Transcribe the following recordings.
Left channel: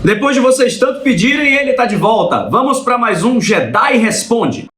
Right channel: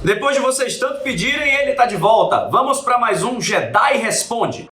Depois de vocês tanto pedirem, ele tá de volta. Vamos para mais um Jedi Responde.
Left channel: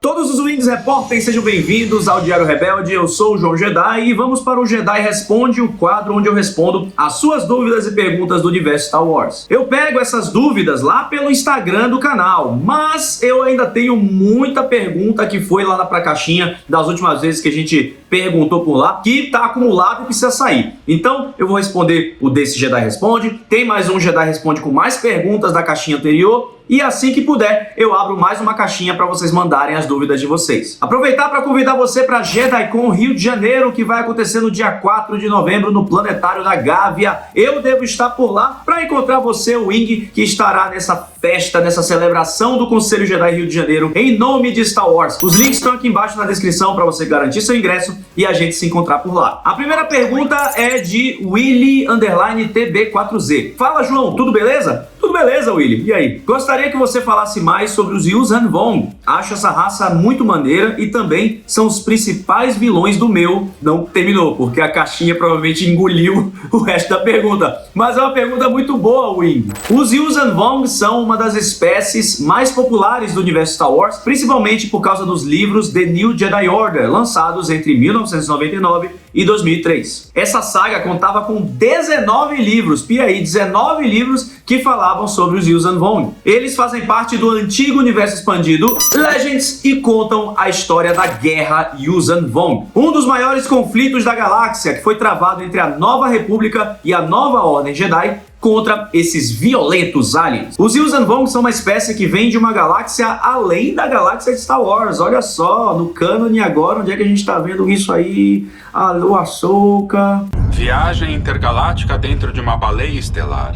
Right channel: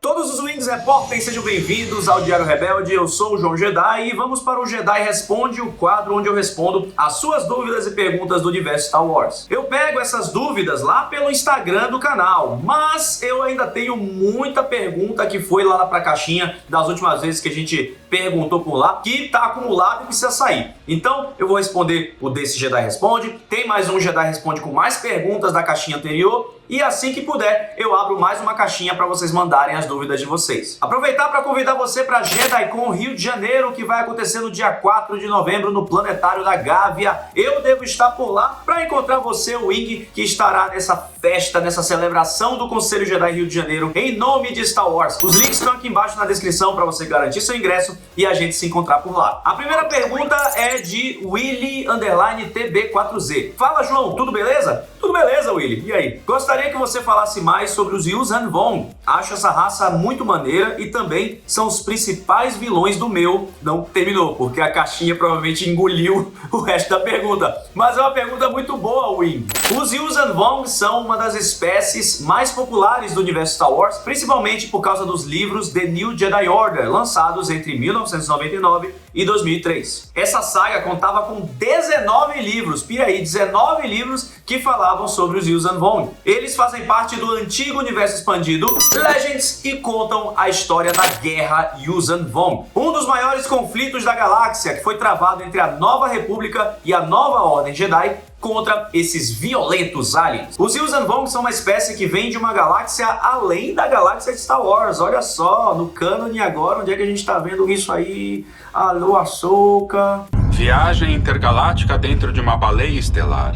Todos os Wings Repórteres, sejam bem-vindos ao Diário Rebelde. Eu sou o João Jedi e vamos para o Jedi Responde, o quadro onde eu respondo as suas dúvidas e perguntas do universo Star Wars. Eu pego essas dúvidas lá pelo Instagram do canal, mas eu ainda tenho muita pergunta que foi lá pra caixinha das últimas vezes que a gente perguntou por lá, que tá acumulado e precisa sair. Então, eu vou responder o desse Jedi Responde. Tem mais um Jedi Responde com mais perguntas da caixinha anterior. E assim que puder, eu abro mais uma caixinha para vocês mandarem as dúvidas de vocês. Aproveitar para convidar você para JediCon Rio de Janeiro, que vai acontecer no dia 4 de novembro no Planetário da Gávea. Eu devo estar por lá para encontrar você, o Wing, que estará nessa festa, nessa celebração do Conselho Jedi Rio de Janeiro, em nome de Star Wars. Os links estão aqui embaixo na descrição para você garantir seu ingresso e a gente se encontrar por lá. A primeira pergunta é de Willy_TB4Z. Fala, João, tudo beleza? Tudo beleza, Willy. E aí? Gostaria que você falasse mais sobre os Yuuzhan Vong. Acho essa raça muito maneira e também são os principais vilões do meu. Não terminou, porque a caixinha provavelmente engoliu o resto da pergunta. Mas é uma pergunta muito boa, Wing. Os Yuuzhan Vong são uma das espécies mais populares do universo Star Wars, principalmente por causa dos livros The New Jedi Order, lançados entre 1999 e 2003. Essa saga contava com 19 livros, pia aí, 19 livros que falavam sobre os Yuuzhan Vong. Eles fazem parte do antigo universo expandido Legends e contam a história da Guerra Yuuzhan Vong, um dos maiores conflitos da galáxia que foi travado entre a Nova República e a Nova Ordem Jedi contra esses violentos aliens. Os Yuuzhan Vong são uma espécie que vem de uma galáxia além da galáxia de Star Wars. Olha só, no cânone agora, onde é que a gente tá vendo isso aí? Alô, Ahsoka. Viagem intergaláctica dentro de uma baleia estelar.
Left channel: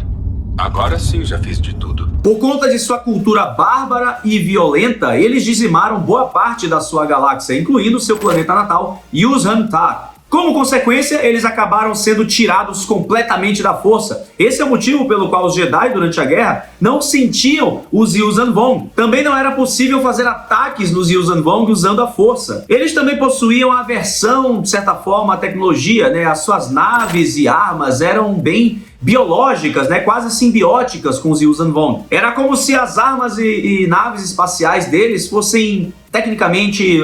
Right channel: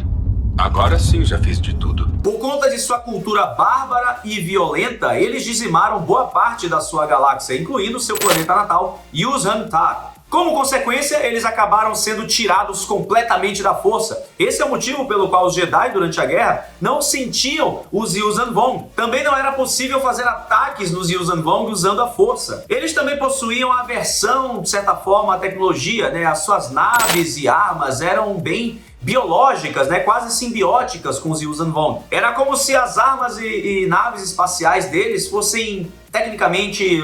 Agora sim já fiz de tudo. Por conta de sua cultura bárbara e violenta, eles dizimaram boa parte da sua galáxia, incluindo seu planeta natal, Yuuzhan Tar. Como consequência, eles acabaram sendo tirados completamente da força. Esse é o motivo pelo qual os Jedi, durante a guerra, não sentiam os Yuuzhan Vong. Também não era possível fazer ataques nos Yuuzhan Vong usando a força. Eles também possuíam aversão, de certa forma, à tecnologia, né? As suas naves e armas eram bem biológicas, né, quase simbióticas com os Yuuzhan Vong. Era como se as armas e naves espaciais deles fossem tecnicamente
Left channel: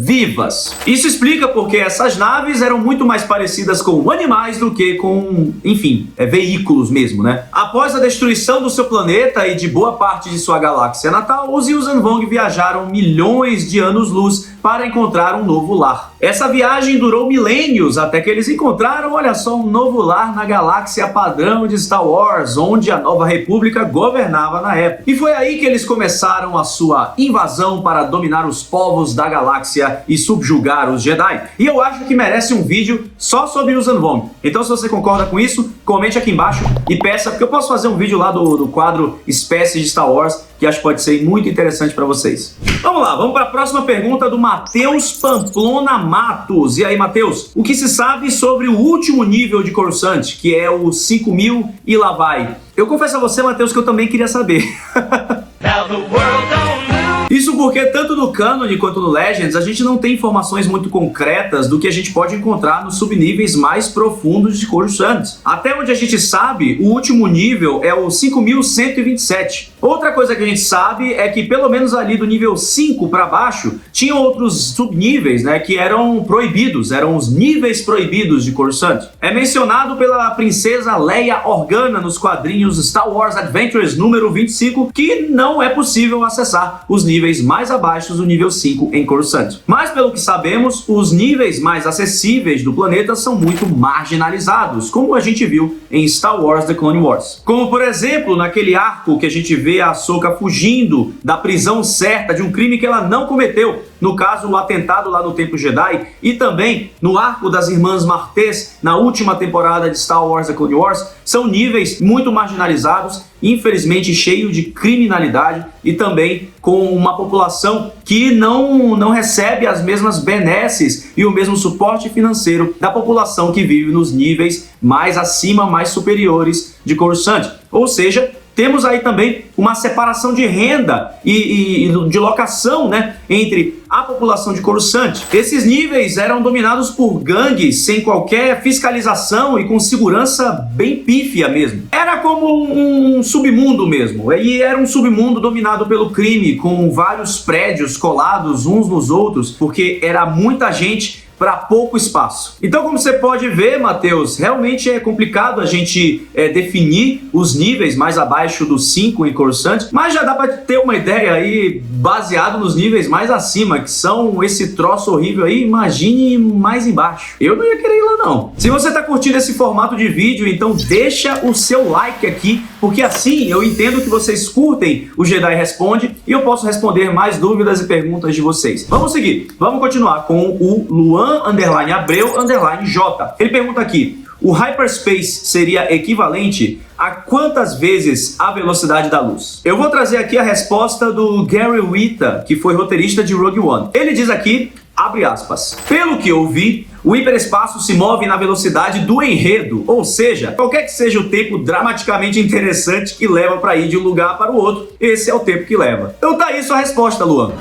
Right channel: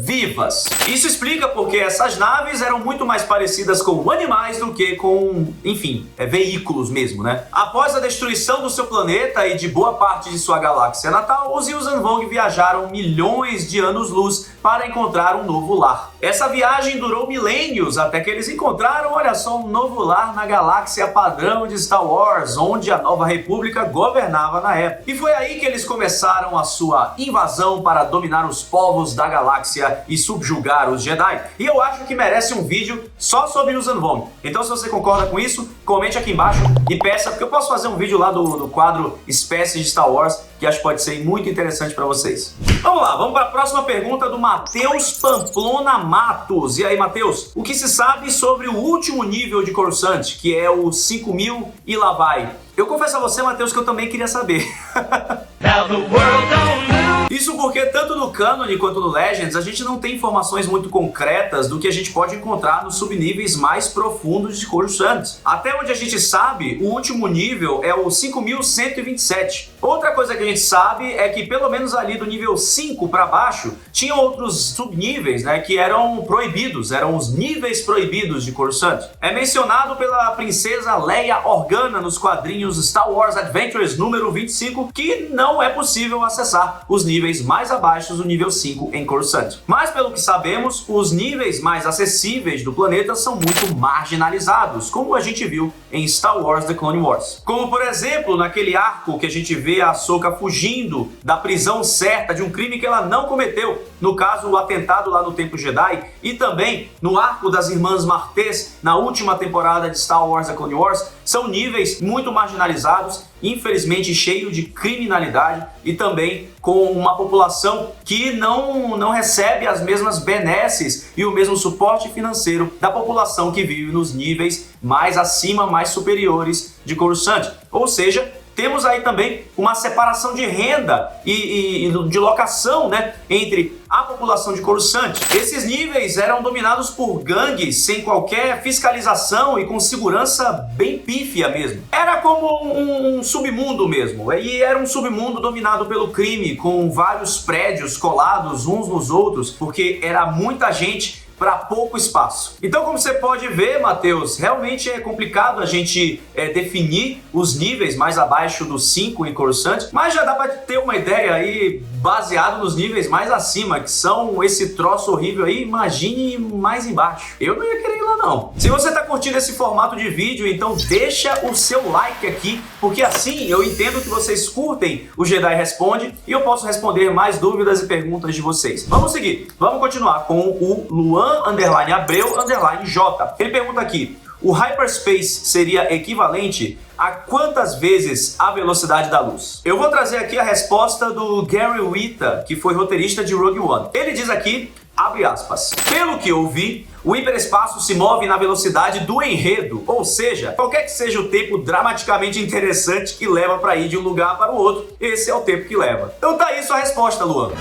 vivas. Isso explica porque essas naves eram muito mais parecidas com animais do que com, enfim, veículos mesmo, né? Após a destruição do seu planeta e de boa parte de sua galáxia natal, os Yuuzhan Vong viajaram milhões de anos-luz para encontrar um novo lar. Essa viagem durou milênios até que eles encontraram, olha só, um novo lar na galáxia padrão de Star Wars, onde a Nova República governava na época. E foi aí que eles começaram a sua invasão para dominar os povos da galáxia e subjugar os Jedi. E eu acho que merece um vídeo só sobre os Yuuzhan Vong. Então, se você concorda com isso, comente aqui embaixo e peça, porque eu posso fazer um vídeo lá do quadro Espécies de Star Wars, que acho que pode ser muito interessante para vocês. Vamos lá, vamos para a próxima pergunta do Matheus Pamplona Matos. E aí, Matheus, o que se sabe sobre o último nível de Coruscant, que é o 5000 e lá vai? Eu confesso a você, Matheus, que eu também queria saber. Isso porque tanto no Canon quanto no Legends a gente não tem informações muito concretas do que a gente pode encontrar nos subníveis mais profundos de Coruscant. Até onde a gente sabe, o último nível é o 5127. Outra coisa que a gente sabe é que pelo menos ali do nível 5 para baixo tinham outros subníveis, né, que eram proibidos, eram os níveis proibidos de Coruscant. É mencionado pela princesa Leia Organa nos quadrinhos Star Wars Adventures número 25 que não é possível acessar os níveis mais abaixo do nível 5 em Coruscant. Mas pelo que sabemos, os níveis mais acessíveis do planeta são muito marginalizados, como a gente viu em Star Wars The Clone Wars. Como por exemplo, naquele arco que a gente vê a Ahsoka fugindo da prisão certa de um crime que ela não cometeu, no caso o atentado lá no Templo Jedi, e também no arco das Irmãs Martês na última temporada de Star Wars The Clone Wars, são níveis muito marginalizados, infelizmente cheio de criminalidade e também com uma população que não recebe as mesmas benesses e o mesmo suporte financeiro da população que vive nos níveis mais acima, mais superiores de Coruscant. Ou seja, temos aí também uma separação de renda e de locação, né, entre a população de Coruscant. Esses níveis eram dominados por gangues sem qualquer fiscalização e com segurança bem pífia mesmo. Era como um submundo mesmo, e era um submundo dominado pelo crime, com vários prédios colados uns nos outros, porque era muita gente para pouco espaço. Então, como você pode ver, Matheus, realmente é complicado a gente definir os níveis mais abaixo dos 5 em Coruscant, mas já dá para ter uma ideia aí baseado nos níveis mais acima, que são esse troço horrível aí. Imagine mais embaixo. Eu não ia querer ir lá não. Se você tá curtindo esse formato de vídeo, então deixa o seu like aqui, porque assim eu entendo que vocês curtem o Jedi Responde e eu posso responder mais dúvidas e perguntas de vocês. Vamos seguir. Vamos continuar com o Luan_Abreu_J. Ele pergunta aqui: o hyperspace seria equivalente a quantas vezes a velocidade da luz? Eu vou trazer aqui a resposta do Gary Whitta, que foi roteirista de Rogue One. Ele diz aqui, abre aspas, pelo que eu vi, o hiperespaço se move na velocidade do enredo, ou seja, qualquer que seja o tempo dramaticamente interessante que leva para ir de um lugar para o outro, esse é o tempo que leva. Então tá aí sua resposta, Luan.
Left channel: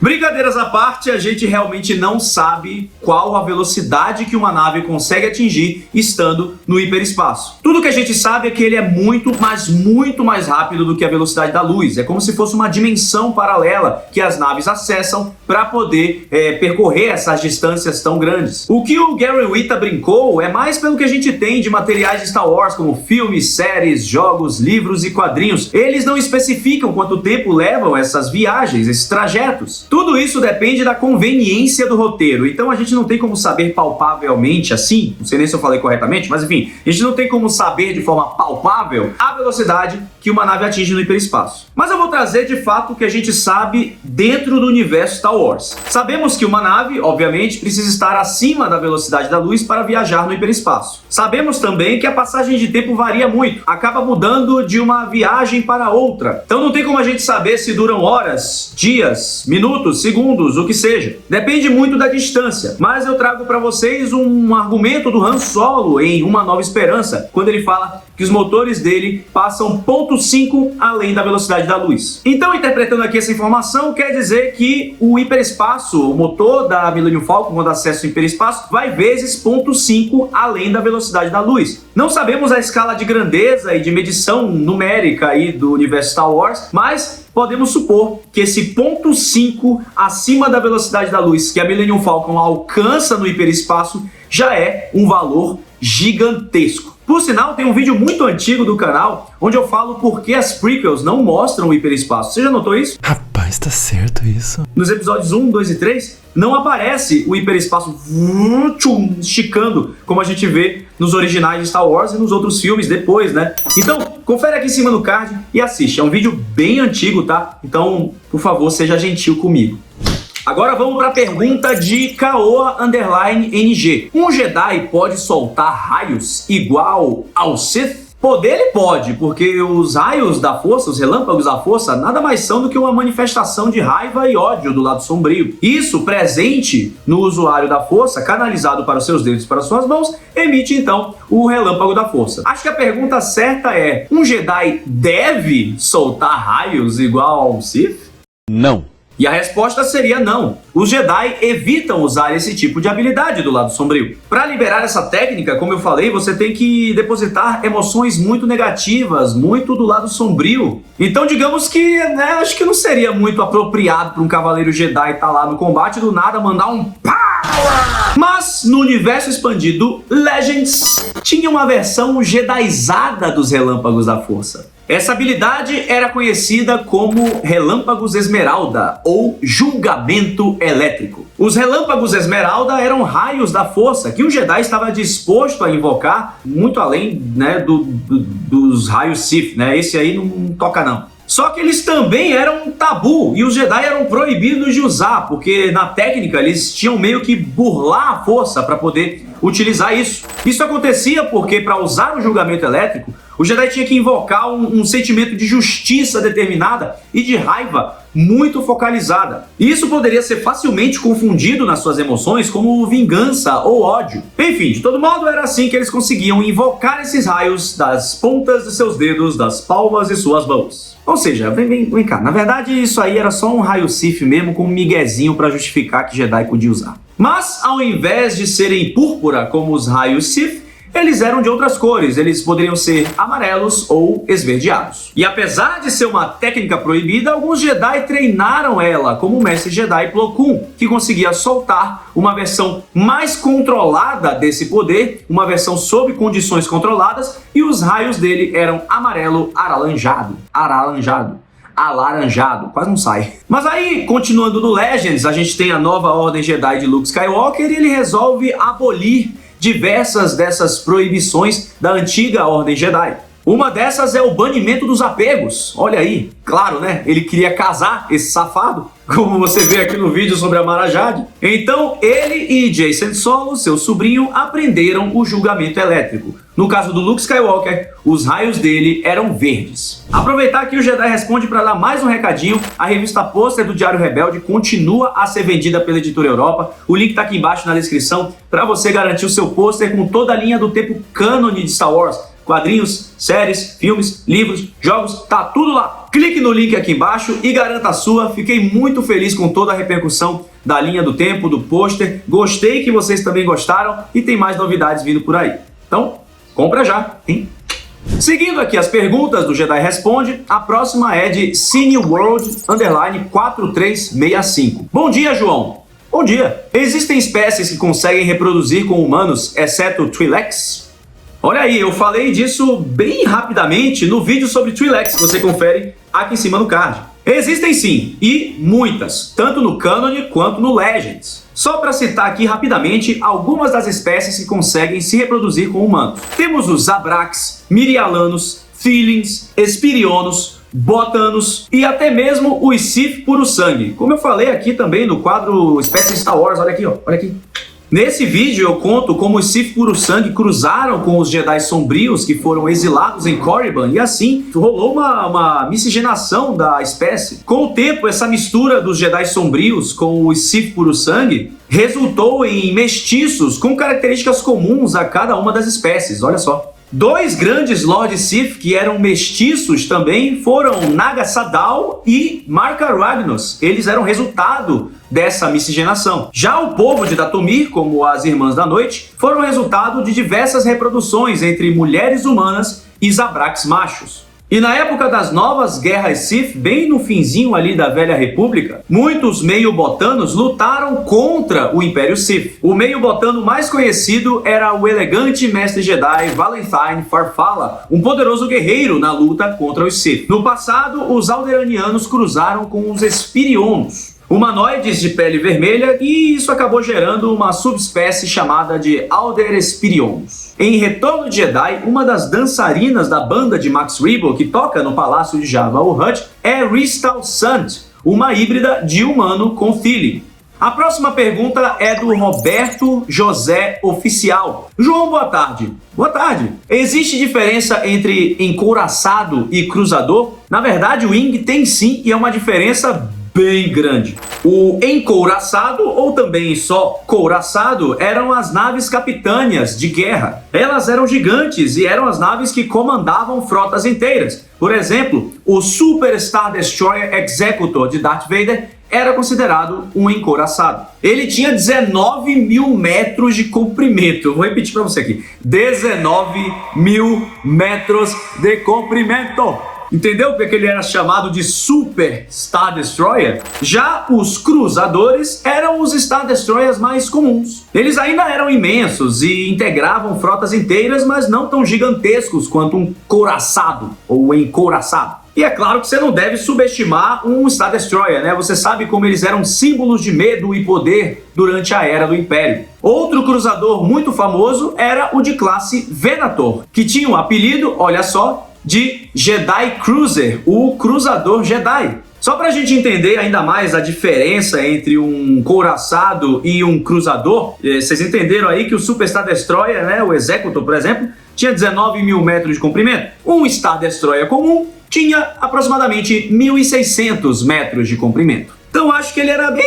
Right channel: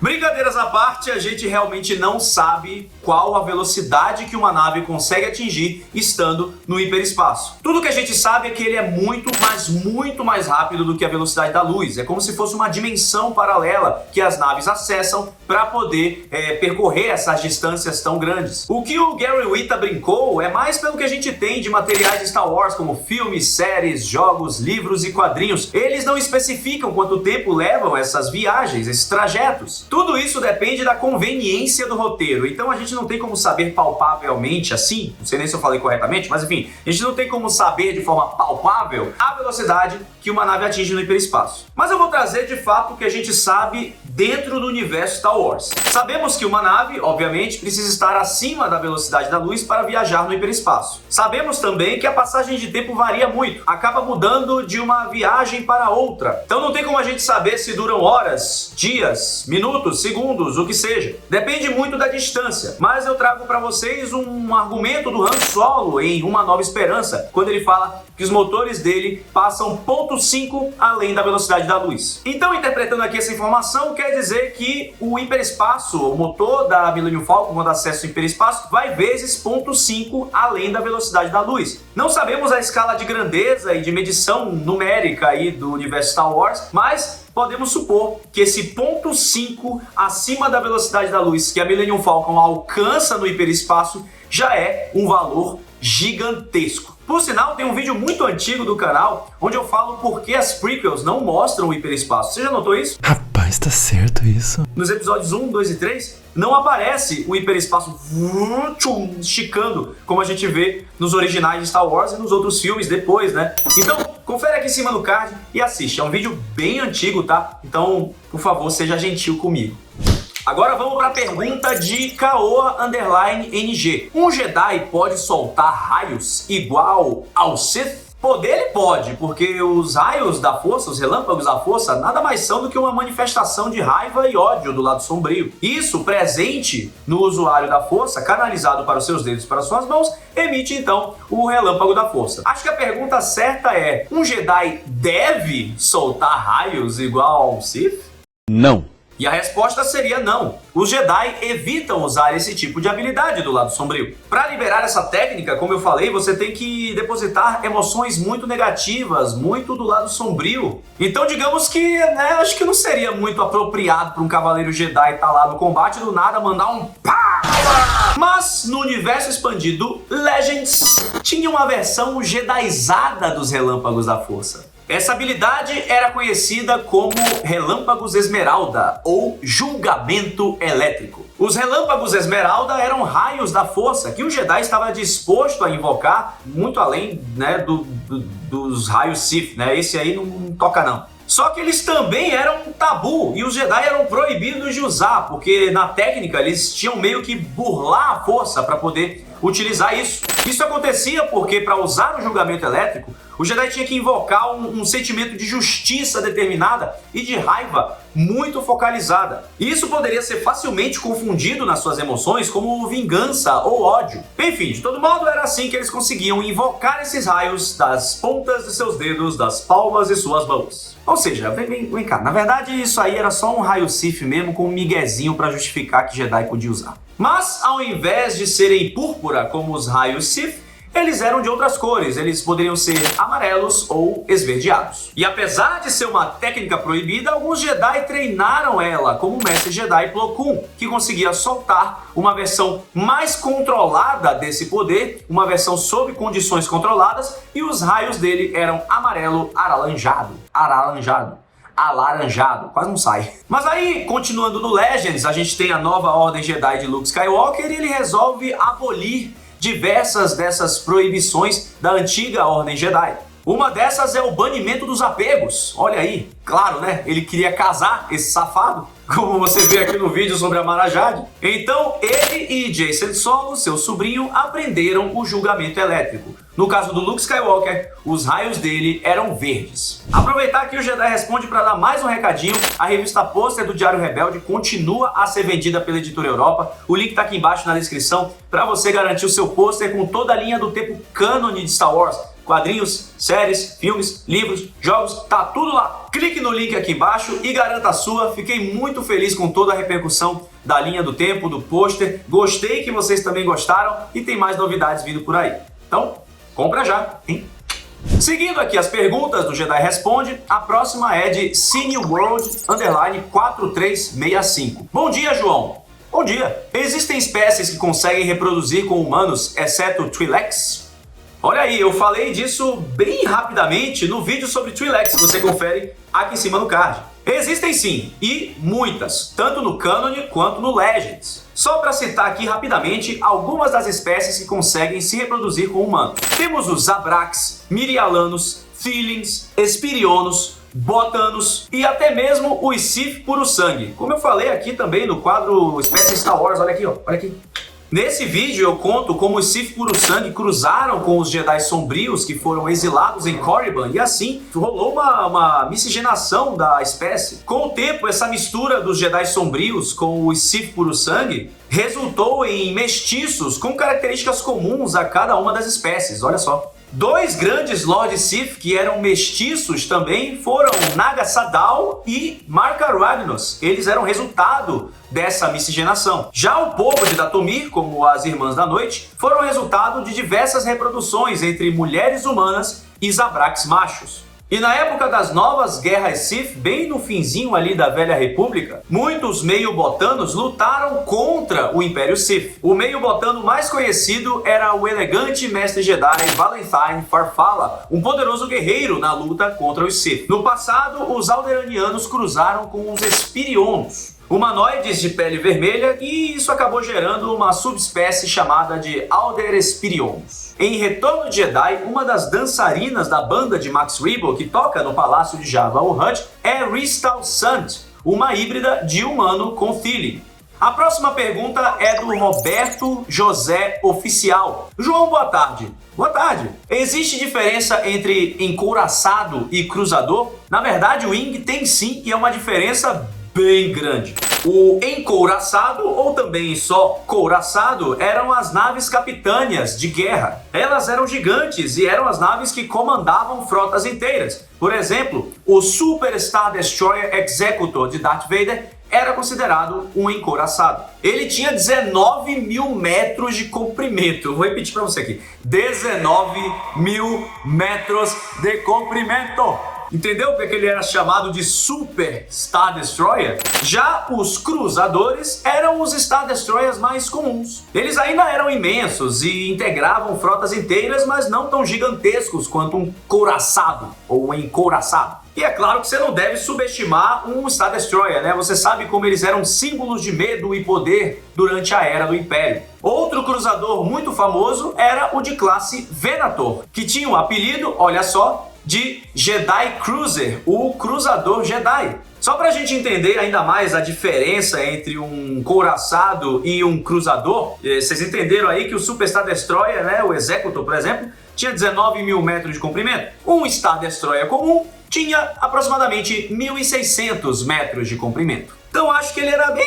Brincadeiras à parte, a gente realmente não sabe qual a velocidade que uma nave consegue atingir estando no hiperespaço. Tudo que a gente sabe é que ele é muito, mas muito mais rápido do que a velocidade da luz. É como se fosse uma dimensão paralela que as naves acessam para poder percorrer essas distâncias tão grandes. O que o Gary Whitta brincou é mais pelo que a gente tem de materiais de Star Wars, como filmes, séries, jogos, livros e quadrinhos. Eles não especificam quanto tempo levam essas viagens, esses trajetos. Tudo isso depende da conveniência do roteiro, então a gente não tem como saber palpavelmente assim, não sei nem se eu falei corretamente, mas enfim, a gente não tem como saber de forma palpável a velocidade que uma nave atinge no hiperespaço. Mas eu vou trazer de fato o que a gente sabe dentro do universo Star Wars. Sabemos que uma nave, obviamente, precisa estar acima da velocidade da luz para viajar no hiperespaço. Sabemos também que a passagem de tempo varia muito, acaba mudando de uma viagem para outra. Então não tem como a gente saber se duram horas, dias, minutos, segundos, o que seja. Depende muito da distância. Mas eu trago para vocês um argumento do Han Solo em Uma Nova Esperança, quando ele fala que os motores dele passam 0,5 além da velocidade da luz. Então, interpretando aqui essa informação, quer dizer que o hiperespaço, o motor da Millennium Falcon, quando acessa o hiperespaço, vai vezes 0,5 além da velocidade da luz. Não sabemos a escala de grandeza e de medição numérica aí do universo Star Wars, mas podemos supor que esse 0,5 acima da velocidade da luz que a Millennium Falcon alcança no hiperespaço já é um valor gigantesco. Por sinal, tem um vídeo muito antigo do canal onde eu falo por que as prequels não mostram o hiperespaço. Você já notou isso? Rapaz, tá certo isso. Nos episódios 1, 2 e 3, não aparece o hiperespaço esticando, como a gente vê nos originais de Star Wars e nos outros filmes depois, né? Então, confere aqui em cima no card e assiste. É um vídeo bem antigo, tá? Então, por favor, seja gentil comigo. Agora vamos para a pergunta de Kaoa_NG. Um Jedi pode soltar raios igual ao Sith? Poder ele pode, porque os raios da força, os relâmpagos da força, nada mais são do que uma manifestação de raiva e ódio do lado sombrio. Isso, presente no usuário da força, canalizado para os seus dedos e para suas mãos, emite então o relâmpago da força. Acho que a pergunta certa é: um Jedi deve soltar raios igual ao Sith? Não. E a resposta seria não. Os Jedi evitam usar esse tipo de habilidade do lado sombrio. Para liberar essa técnica, como eu falei, você tem que depositar emoções muito negativas, muito do lado sombrio. Então digamos que, acho que não seria muito apropriado para um cavaleiro Jedi estar lá no combate e do nada mandar um pá! Mas no universo expandido Legends tinha uma versão Jedizada dos relâmpagos da força. Essa habilidade era conhecida como Relâmpagos Esmeralda ou Julgamento Elétrico. Os Relâmpagos Esmeralda eram raios da força que o Jedi estava disposto a invocar muito além, dos raios Sith, Esse aí não toca não. Só que eles também eram um tabu e os Jedi eram proibidos de usar, porque na técnica eles tinham meio que burlar a força para poder utilizar isso. Isso acontecia porque para usar o julgamento elétrico, o Jedi tinha que invocar um sentimento de justiça determinada e de raiva muito focalizada. Isso poderia ser facilmente confundido nas suas emoções como vingança ou ódio. Enfim, de todo modo, era assim que eles conseguiam invocar esses raios das pontas de seus dedos, das palmas de suas mãos. Ou seja, vem cá, na verdade isso aí era só um raio Sith mesmo com um miguezinho para justificar que Jedi podia usar. Mas ao invés de serem púrpura como os raios Sith, eles eram de outras cores, eles poderiam ser amarelos ou esverdeados. E apesar de ser uma técnica proibida, alguns Jedi treinaram ela, como o mestre Jedi Plo Koon, que conseguia soltar uma versão mais controlada desse poder, uma versão sob condições controladas, e os raios dele eram amarelo alaranjado, quase não sai. Mas aí, continuando no Legends, a gente tem a nova Ordem Jedi de Luke Skywalker e ele resolve abolir diversas dessas proibições da antiga Ordem Jedi. Uma dessas é o banimento dos apegos. Olha aí, claro, né? Ele queria casar esse safado, como você vê aqui no vídeo sobre a Mara Jade. Então, ele e Jacen Solo, seu sobrinho, aprenderam o julgamento elétrico. No caso do Luke Skywalker, os raios dele eram verdes. Aproveitar que o Jedi Responde para dar mais um recadinho, a revista Pôster do Diário Rebelde continua a ser vendida pela Editora Europa. O link tá aqui embaixo na descrição para você garantir o seu pôster com toda a linha do tempo cânone de Star Wars. Quadrinhos, séries, filmes, livros, jogos, tá tudo lá. Clique no link aqui embaixo e garanta a sua. Fiquei muito feliz com toda a repercussão da linha do tempo, do pôster. Gostei que vocês também gostaram e tem mais novidades vindo por aí. Então, compra já, hein? Seguindo aqui as perguntas do Jedi Responde, a próxima é de Cineworld_4365. Bom dia, João. Bom dia. Existem espécies que conseguem reproduzir com humanos, exceto Twi'leks? Olha aí, eu falei disso bem rapidamente no vídeo sobre Twi'leks, que você confere aqui em cima no card. Existem sim, e muitas, tanto no Canon quanto no Legends. Só para citar aqui rapidamente algumas das espécies que conseguem se reproduzir com humanos. Temos os Abrax, Mirialanos, Feelings, Espirionos, Botanos e até mesmo os Sith puro sangue. Como eu falei aqui também no quadro Espécies Star Wars, olha aqui, ó, olha aqui. Nesse vídeo eu conto como os Sith puro sangue cruzaram com os Jedi sombrios que foram exilados em Korriban e assim rolou uma miscigenação da espécie. Com o tempo, essa mistura dos Jedi sombrios com os Sith puro sangue resultou em mestiços com características comuns a cada uma das espécies, olha só. Dois grandes Lord Sith que eram mestiços também foram Naga Sadow e Marka Ragnos. Eles eram resultado dessa miscigenação. Já o povo de Dathomir, como as Irmãs da Noite, foram resultado de diversas reproduções entre mulheres humanas e Zabraks machos. E na época das novas guerras Sith, bem no finzinho ali da Velha República, muitos meio-botanos lutaram contra o Império Sith. O meio-botano mais conhecido era o elegante mestre Jedi Valentine Farfalla, um poderoso guerreiro na luta contra os Sith. No passado, os Alderanianos cruzaram com os Espirionos, humanoides de pele vermelha, e isso acabou gerando uma subespécie chamada de Alder Espirionos. Em Retorno de Jedi, uma das dançarinas da banda de Max Rebo que toca no Palácio de Jabba o Hutt é Ristal Sant, uma híbrida de humano com feeling. A próxima pergunta é do Roberto José Oficial. João, boa tarde. Boa tarde. Existe diferença entre encouraçado e cruzador? Na verdade, o Wing tem sim, e é uma diferença bem grande. O encouraçado, ou também só couraçado, eram as naves capitâneas de guerra. Elas eram gigantes e eram as naves que comandavam frotas inteiras. Por exemplo, o Super Star Destroyer Executor de Darth Vader era considerado um encouraçado. Ele tinha 19 mil metros de comprimento. Vou repetir para você aqui. 19 mil metros de comprimento. Entendeu porque ele era chamado de Super Star Destroyer? Já os cruzadores eram os Star Destroyers mais comuns. Eles ainda eram imensos e integravam frotas inteiras, mas não tão gigantescos quanto um couraçado ou encouraçado. E é claro que você não deve subestimar um Star Destroyer, né? Você sabe como eles eram símbolos de medo e poder durante a Era do Império. Outro cruzador muito famoso era o de classe Venator, que tinha um apelido, olha só, de Jedi Cruiser, o cruzador Jedi. Só pra gente entender ainda mais a diferença entre um couraçado e um cruzador, vocês entenderam aí que o Super Star Destroyer, né, o Executor, por exemplo, tinha 19 mil metros de comprimento. Um Star Destroyer comum tinha aproximadamente 1.600 metros de comprimento. Então acho que ele era bem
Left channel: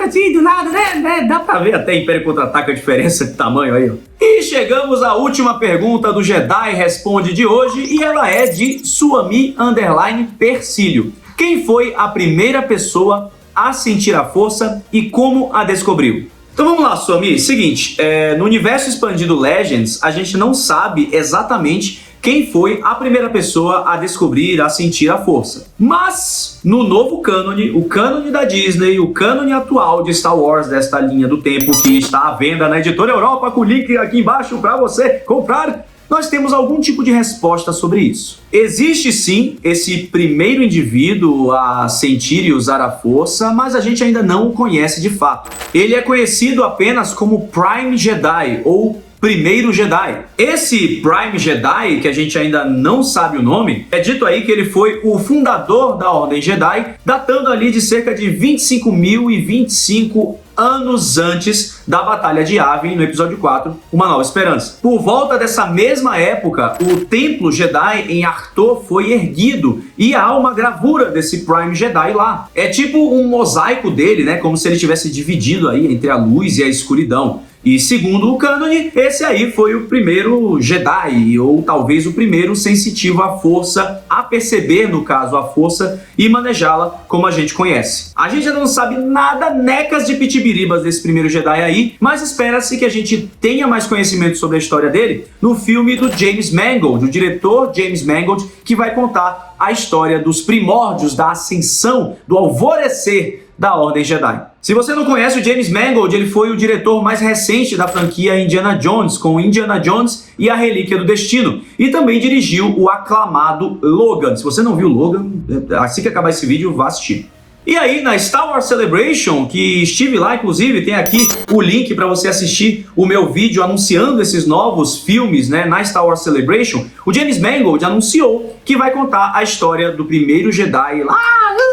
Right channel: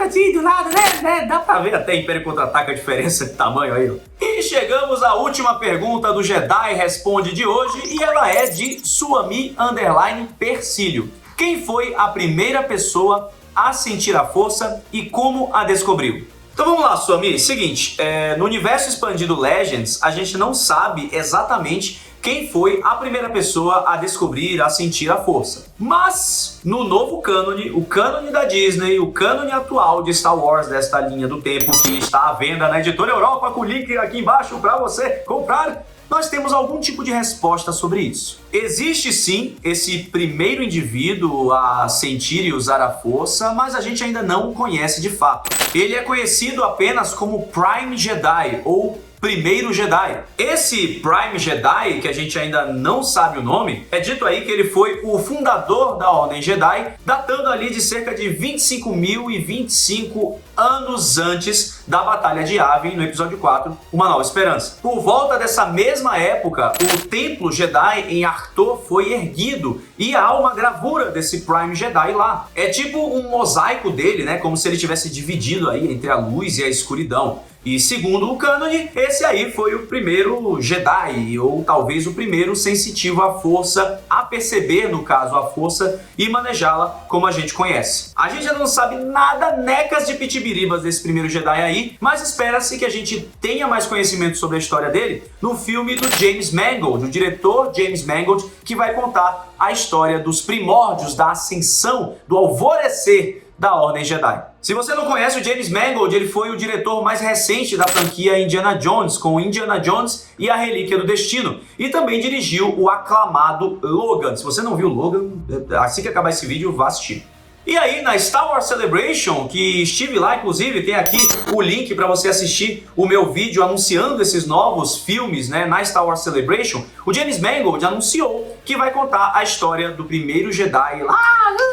assim, do nada, né? Dá pra ver até Império Contra-Ataca a diferença de tamanho aí, ó. E chegamos à última pergunta do Jedi Responde de hoje, e ela é de Suami_Persílio. Quem foi a primeira pessoa a sentir a força e como a descobriu? Então vamos lá, Suami. Seguinte, no universo expandido Legends, a gente não sabe exatamente quem foi a primeira pessoa a descobrir, a sentir a força. Mas, no novo cânone, o cânone da Disney, o cânone atual de Star Wars, desta linha do tempo que está à venda na Editora Europa, com o link aqui embaixo para você comprar, nós temos algum tipo de resposta sobre isso. Existe sim esse primeiro indivíduo a sentir e usar a força, mas a gente ainda não o conhece de fato. Ele é conhecido apenas como Prime Jedi, ou Primeiro Jedi. Esse Prime Jedi, que a gente ainda não sabe o nome, é dito aí que ele foi o fundador da Ordem Jedi, datando ali de cerca de 25.025 anos antes da Batalha de Yavin, no episódio 4, Uma Nova Esperança. Por volta dessa mesma época, o Templo Jedi em Arthur foi erguido e há uma gravura desse Prime Jedi lá. É tipo um mosaico dele, né? Como se ele tivesse dividido aí entre a luz e a escuridão. E segundo o cânone, esse aí foi o primeiro Jedi, ou talvez o primeiro sensitivo à força, a perceber, no caso, a força e manejá-la como a gente conhece. A gente ainda não sabe nada, necas de pitibiribas desse primeiro Jedi aí, mas espera-se que a gente tenha mais conhecimento sobre a história dele no filme do James Mangold, o diretor James Mangold, que vai contar a história dos primórdios da ascensão, do alvorecer da Ordem Jedi. Se você não conhece o James Mangold, ele foi o diretor mais recente da franquia Indiana Jones, com Indiana Jones e a Relíquia do Destino, e também dirigiu o aclamado Logan. Se você não viu Logan, assim que acabar esse vídeo, vá assistir. E aí, na Star Wars Celebration, que estive lá, inclusive, tem aqui o link para você assistir o meu vídeo anunciando esses novos filmes, né, na Star Wars Celebration, o James Mangold anunciou que vai contar a história do primeiro Jedi lá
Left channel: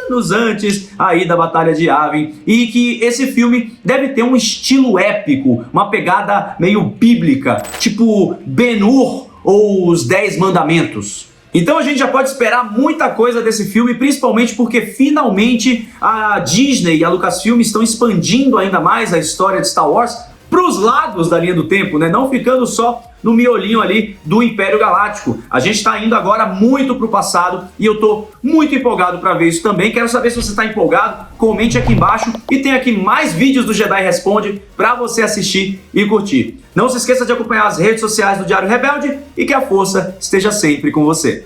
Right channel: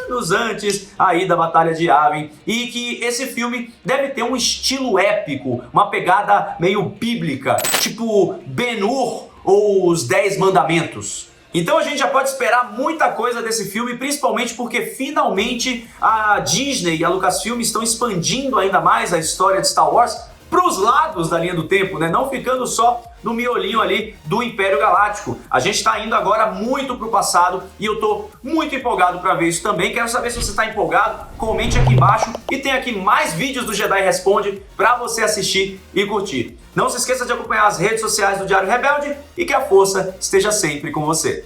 anos antes aí da Batalha de Yavin, e que esse filme deve ter um estilo épico, uma pegada meio bíblica, tipo Ben-Hur ou Os 10 Mandamentos. Então a gente já pode esperar muita coisa desse filme, principalmente porque finalmente a Disney e a Lucasfilm estão expandindo ainda mais a história de Star Wars para os lados da linha do tempo, né? Não ficando só no miolinho ali do Império Galáctico. A gente está indo agora muito para o passado e eu estou muito empolgado para ver isso também. Quero saber se você está empolgado, comente aqui embaixo e tem aqui mais vídeos do Jedi Responde para você assistir e curtir. Não se esqueça de acompanhar as redes sociais do Diário Rebelde e que a força esteja sempre com você.